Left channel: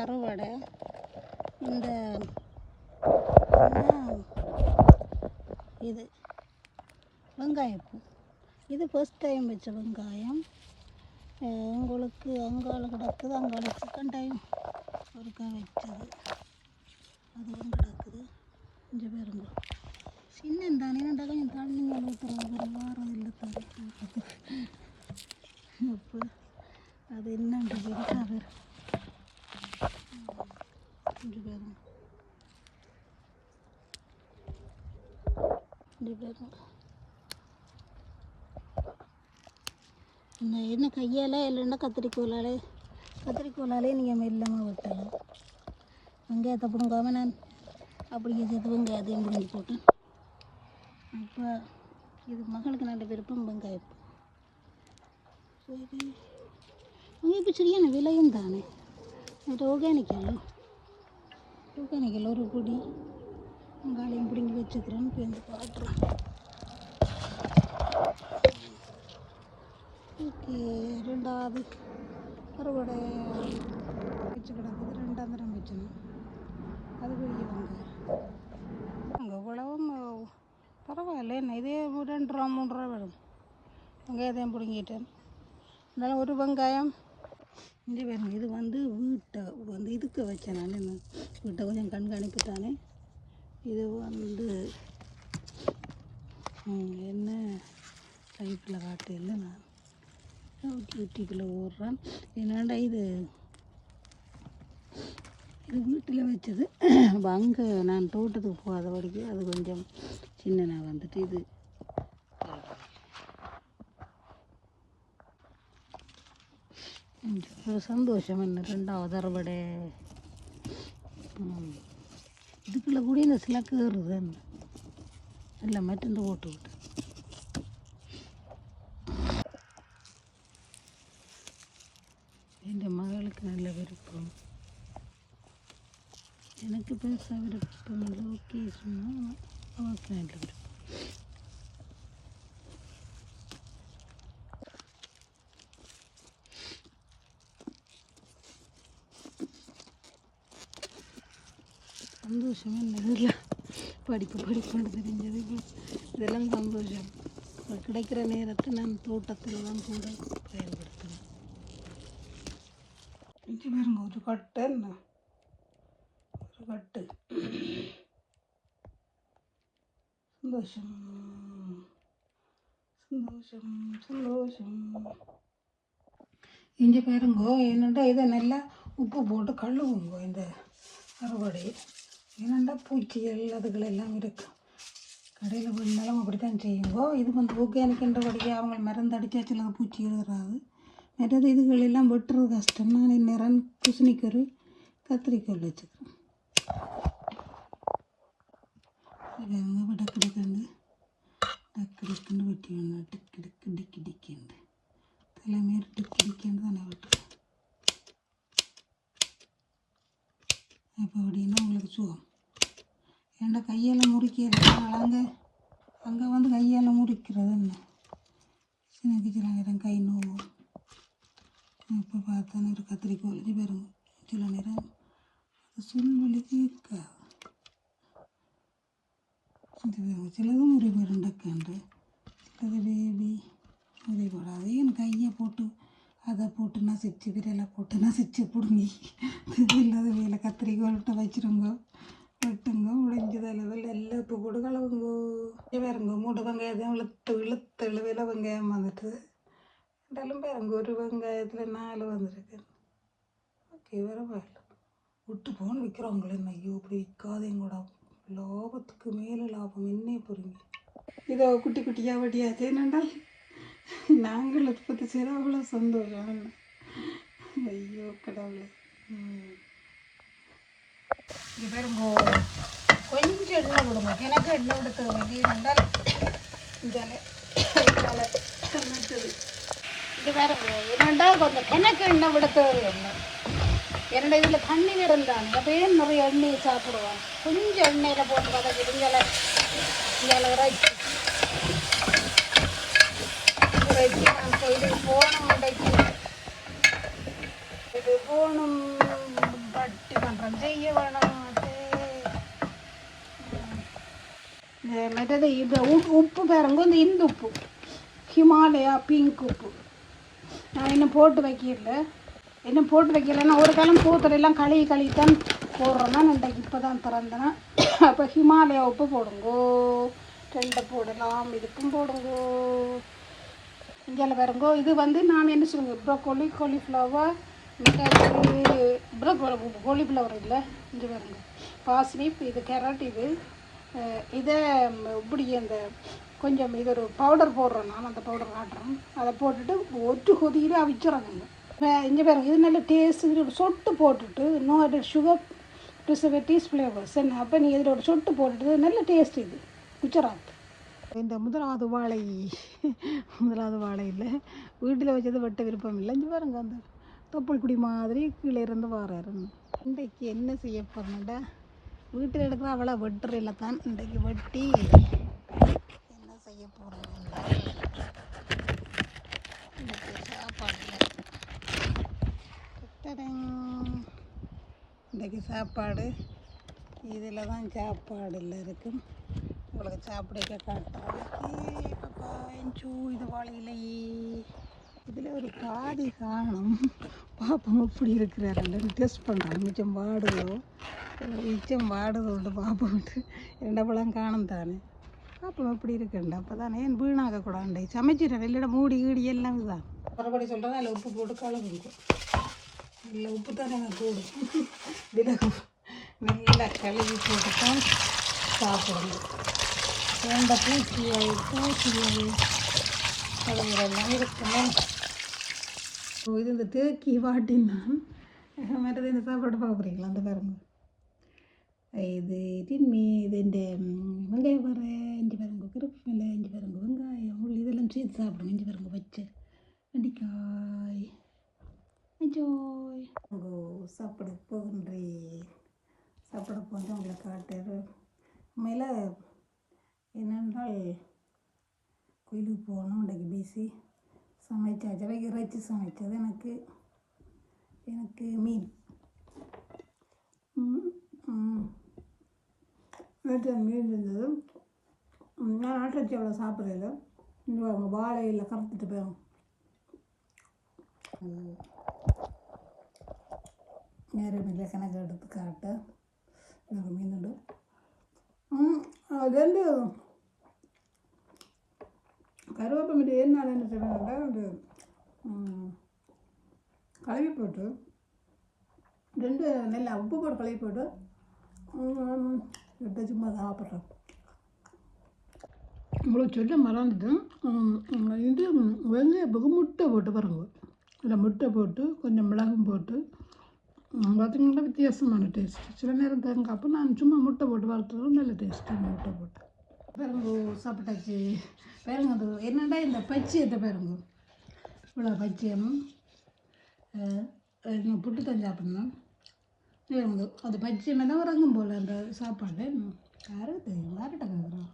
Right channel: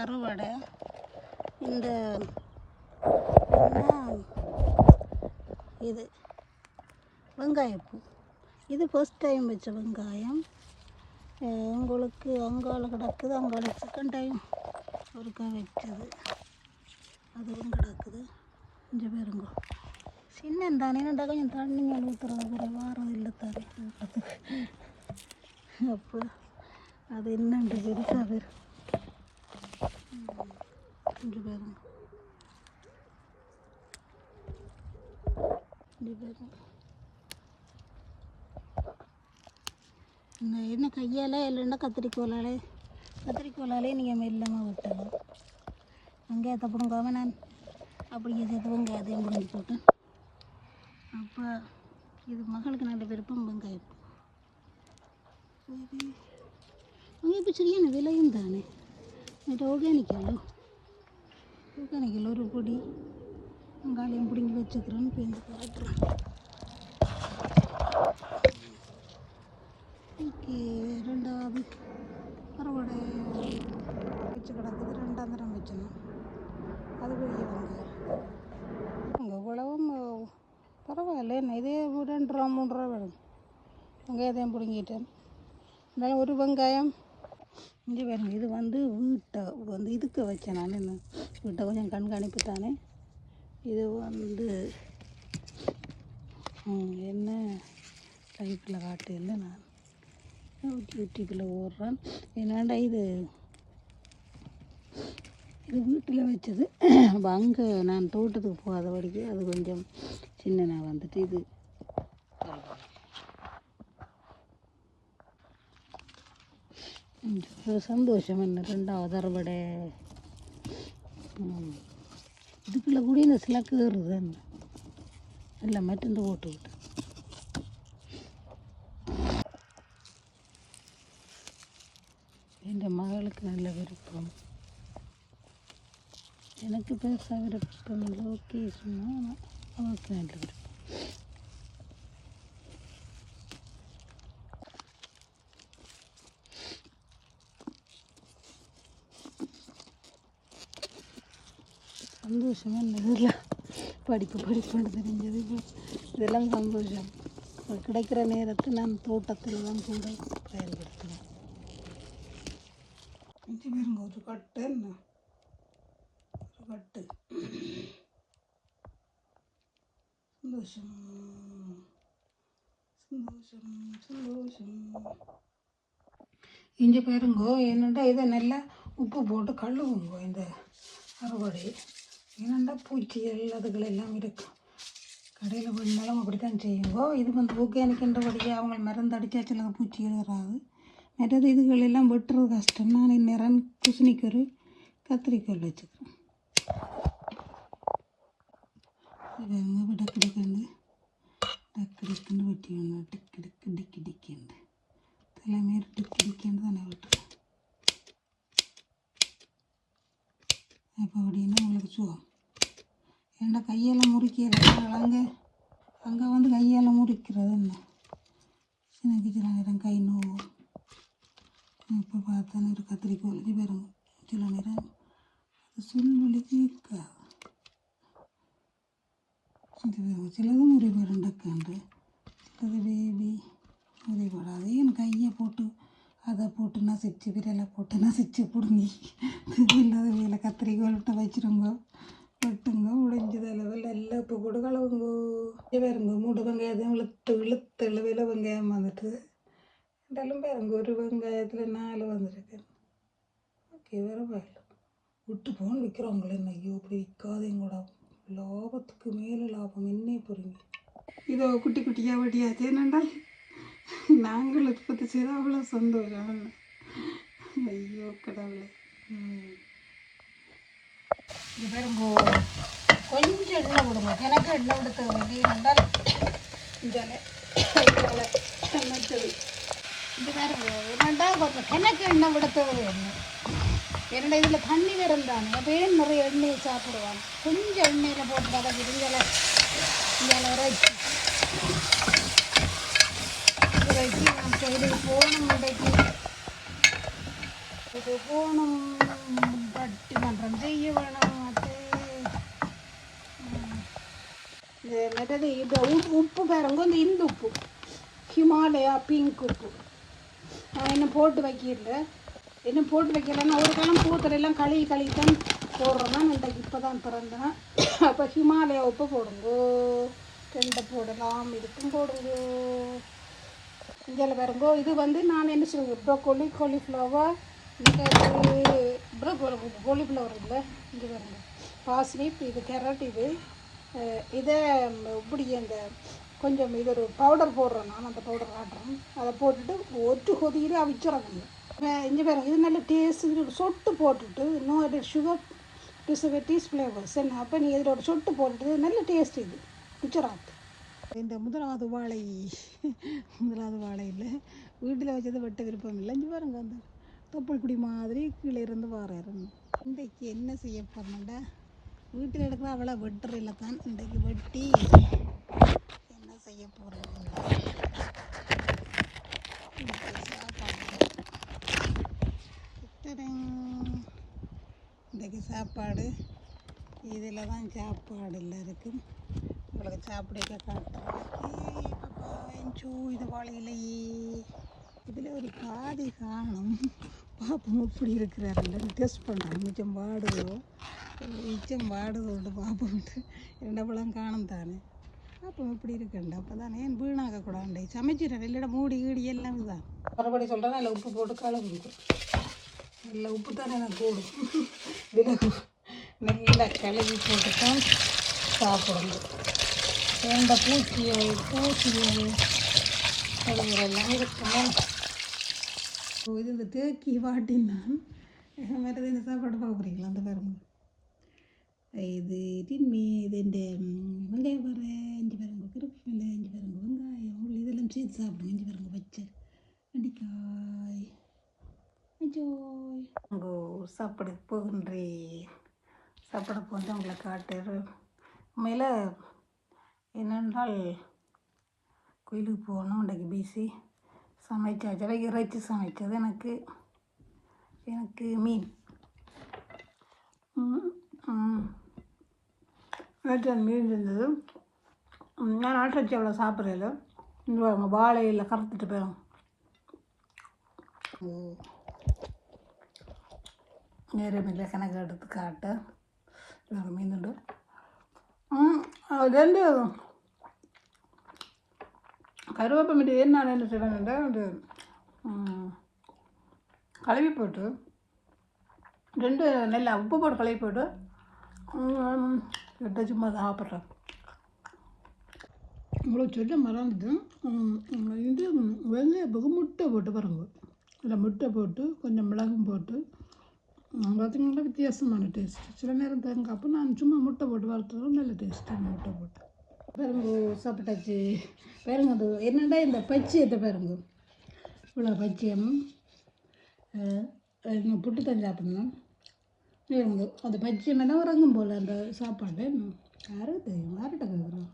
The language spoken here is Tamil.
அறுவடை இந்த இது வெங்காயப்பூ இது ஃபர்ஸ்ட் டைம் வச்ச வெங்காயம். உங்களுக்கு அங்கால கிடக்குது, அங்கால செகண்ட் டைம் ஒருக்கா வச்சது அதுவும் கிடக்குது. கொஞ்சம் பேருங்க சின்ன தானே கொஞ்சம் தண்ணிங்க ஊற்றுறாங்க வாரம் இல்லை தானே அப்போ அது என்னன்ற பெருசாக பேர் இங்கே பாருங்க என்ன கையால் இல்லைன்னா கத்திரிக்கோலாலே நீங்கள் மெல்லமாக வெட்டலாம். வெங்காயத்தை பிடுங்காம நான் அப்படியே சேர்த்து வெங்காயத்தையும் பிடுங்கி போட்டேன். அப்போ இது மகளுக்கு நல்ல விருப்பம் வெங்காயப்பூ. சரி இப்போ சரியான விலையும் தானே. இது ஆர்கானிக்கல் ஒரு பொடி வெங்காயம் பிடுங்கி வச்சுக்கிறேன்னு பேருந்து காட்டுறேன். ஓகே, ரெண்டாவது அறுவடை வச்சு கிடக்குது. ரெண்டாம் தரம் வச்சுனா அது பெரிய அங்கே உழவும் பரவாயில்ல. என்ன இதே 2 ரூபா 3 ரூபா வரும். வெங்காயத்தையும் பிடுங்கிட்டேன். இருந்தாலும் ஒரு வெங்காயம் இங்கே வேணும். இது வீட்டை இதுக்கு வச்சேன். நான் என்ன வீட்டை கொஞ்சம் கண்காணிப்புட்டானே. இது என்ன டைப்பில் காட்டு இல்லை. நான் யூடியூப்பில் ஓடுறேன். என்னடா இது வீட்டில் வச்சது. அப்போ அங்கே நான் தோட்டத்துக்கு போகாத வரைக்கு அது கொஞ்சம் சின்ன வந்துட்டு இது ஒரு சந்தோஷம். என்ன ரெண்டாவது அறுவடை இதுக்குள்ளே கூட இந்த சிலக்கு ஏறுது என்ன எல்லாம் மருந்து போட்டு விட்டு. என் மகளுக்கு நல்ல விருப்பம், எனக்கு பெருசாக விருப்பம் இல்லை. ஓகே சொன்னால் அவளுக்கு நல்ல விருப்பம். சந்தோஷமாக இல்லை படிப்புன்னு தெரிஞ்சது. இதெல்லாம் சந்தோஷம். கிடைக்கிற நேரத்தை நான் தோட்டத்தில் தான் கூட பயன்படுத்துவேன். கொஞ்சம் பேருங்க ஒரு கட்டு சந்தோஷம். இங்கே பாருங்கோ என்னென்னா இதை நல்லா உப்பு போட்டு கழுவுங்கோ. இந்த அறுவடை என்னென்னா பூச்சிகள் அதுகளெல்லாம் இருக்கும். கடையில் பண்ணாலும் அப்படி தான் செய்யுங்கோ. இது ஆர்கானிக்ன்றபடியே அவங்க மருந்து அடித்தா சில பூச்சிகள் வராது. மற்றது இதுகளெல்லாம் வெட்டுறது கஷ்டம். நான் இந்நேரம் குசினிக்கு ஒரு கத்திரிக்கோல் வச்சுக்கிறேன். டக்குன்னு வெட்டி ஒன்று டிக்கிண்டு தலைமையில் டிக்கிண்டு தானே வெட்டுறேன். அப்போ அப்படின்னா உங்களுக்கு சுகம். ஏன்னா கையால் முறிக்கிறது அங்கே கையால் முறிக்கிறது என்ன சில நேரம் கை நோவும். இப்போ பார்த்தானே ஒரு கத்திரிக்கோல் பாருங்க சில நேரம் அது சொல்வழிக்கு இருக்காது. சிலது முறிபடும் டக்காண்டு, அது பேபி முறிபடாது. என் கையை போட்டு அதை போட்டு நசிச்சு விரலை போட்டு நசிச்சு பிடுங்கி இல்லாத வேலை கத்திரிக்கோல்கிட்ட வச்சுருங்கோ. வெட்டுங்க உடைஞ்சது அளவில் எல்லாம் இப்போ கூட கலவுங்கோ. பாருங்க மூடு வெங்காயத்தையும் இழுத்து விலை வெங்காயம் வந்துட்டு இருந்தாலும் பாருங்க ஒரு வெங்காயத்தில் 4 வந்துருக்கு. ஓகே பரவாயில்ல. விட்டு போன்னு விற்கிறவங்களே ஐயோ அப்படி விற்காதையும் கூட லாபத்துக்கு மேலே லாபம் என்னே புரியுங்க. இதோ குட்டி குட்டியாக வட்டியாச்சு. என்னென்றால் நாங்கள் உற்பத்தி செய்த அவ்வளோ சந்தோஷம். ஐயோ கடவுளே. இது பாருங்க கொஞ்சம் எண்ணெய் விடுங்க. எனக்கு எண்ணெய் விட தேவை என்றால் சமைச்சது இது பாருங்க. என்னென்னா கொஞ்சம் எனக்கு எண்ணெய் விட தேவை. எண்ணெய் இந்த தண்ணி இருந்தாங்க இந்த பேர் நிறைய எண்ணெயை சாப்பிடுவோம். கொஞ்சம் எண்ணெயில் போட்டு பக்கத்தில் போனம் இது போனம் பிங்க் உப்பு. நான் இன்னும் போட்டு வைக்கல, இன்னும் போட்டு வைக்கலன்னா ஒரு காலம் பூக்கடையெல்லாம் கழுவி தான் போடுறோன்னா இன்றைக்கு இப்போ தான் திறந்தேன். அப்போ ஹிமாலயா உப்பு போடுங்கோ, 2 போடலாம், இதுக்கும் போடுங்கோ. இங்கே வருங்கோ. இது வந்து நான் என்ன சொல்லுவேன், ப்ரோக்கோலி, காலிஃப்ளவர், காலிஃப்ளவர் இல்லை, இது வந்து பாசிப், இது கேரட், இதை இப்படி அந்த கொஞ்சம் இது ஒரு பவுடர் போடுறோம். நான் அந்த பவுடர் காட்டுறோம். அதை போட்டுட்டு ஒட்டு கொதிக்கிட்டு அவிச்சிடணும். இங்கே பாருங்க, இது நல்ல டேஸ்ட்டு. சொட்டு போட்டுட்டு no added sugar preservatives flavours என்ன. அப்போ நீங்கள் இதில் ஒரு சொட்டு போட்டுட்டு நல்ல டேஸ்ட் இது குச்சராத். இந்த முதலாவது வாழை இல்லை, வீட்டில் வச்சது வெட்ட விருப்பம் இல்லை. இங்கே பாருங்க, அந்த தொப்புள் குடி மாதிரி கீழே இருந்து வாராரு. இன்றைக்கு என்ன செய்ய போகிறேன்டா, வீட்டில் எடுக்கிற அவளை வெட்டுறையில தான் இன்றைக்கு வெட்டி என்ன செய்ய போகிறேன். இன்றைக்கு சாப்பாடு இதில் தான் சாப்பாடில் இருக்கும். உங்களுக்கு சாப்பிட காட்டுறேன். இது வாழையிலையே இதில் ஒரு பாதி காணும். பாப்பம் எப்படி இருக்கிறாரு டெஸ்ட் பண்ணுறேன். மிச்சம் வாடுதோண்டு பாப்போம்ட்டு 2 பழம் காணும் தானே. பாப்பம் எப்படி இருக்குண்டா. அப்போ தானே ஏன் வீணாகக்கூடாது. சமைச்சிட்டேன், வெளியிட மூடி ஈடி எல்லாம் தான். மறுபடி சொல்கிறேன், அதில் உப்பு போட்டு கழுவிக்கும். நல்ல உப்பு தானே நான் போடும். இதில் நல்லா கழுவி போட்டு தான் சாப்பிடணும். பூச்சியை கழுவுறெல்லாம் இருக்கணும். இது இந்த தேக்கி வாட்டினா மற்றது இந்த சாப்பாடு பார்க்குறீங்களா, அந்த பாருங்க. இது இந்த வெங்காயம் வர இஞ்சி பாருங்க, கருவேப்பிலை இஞ்சி பாருங்க, வெங்காயம் உள்ளி இதெல்லாம் சேர்த்து சாப்பிடுங்க. இஞ்சி பாருங்க, வச்சு வெண்டிக்காய் என்ஜாய். சாப்பிட போகின்றேன். சாப்பிட போட்டு அவங்களை காட்டுறேன். உண்மையில் என்னென்றால் கோயிலுக்கு போகணும். இன்றைக்கு பிசி சமைச்சாச்சு. இறைச்சி சமைச்சது எனக்கு மீன் மீன் இருந்தது. நான் ஆட்டச்சி அவ்வளோ சாப்பிட்றதில்ல. இங்கே வாழையில் கறந்துட்டு போயிடும். நேரமில்லை கணக்கு எடுத்து காட்ட மீனுண்டு. 2 கருவேப்பை மீட்டு நான் என்ன செய்வேன், அது கழுவி போட்டு 2 நெல்லை உப்பு போட்டு கழுவி போட்டு சும்மா சாப்பிட்றேன். இவ்வளோ சொல்ல மறந்துட்டு இது வெங்காயத்துக்கு முட்டை போட்டு பாருங்க. இதில் முட்டை போட்டு கொஞ்சம் மிளகும் போட்டு பார்த்திங்கன்னா வித்தியாசமான டேஸ்ட். சில நேரம் தேங்காய், அப்போ நான் சும்மா முட்டை போட்டு வளர்த்ததும் நல்ல டேஸ்ட்டாக முட்டை போட்டு பாருங்க. சாப்பிட்டாச்சு. பாருங்க, அது என்னடா இந்த பச்சையத்தை பாருங்க, இவ்வளோ பச்சையும் புட்டு தான் சாப்பிடணும். அந்த பச்சை மேலே உறங்கும் போல் அந்த சாப்பாடு யாருக்கு தெரியும், யார்கிட்ட கேட்குறோம்.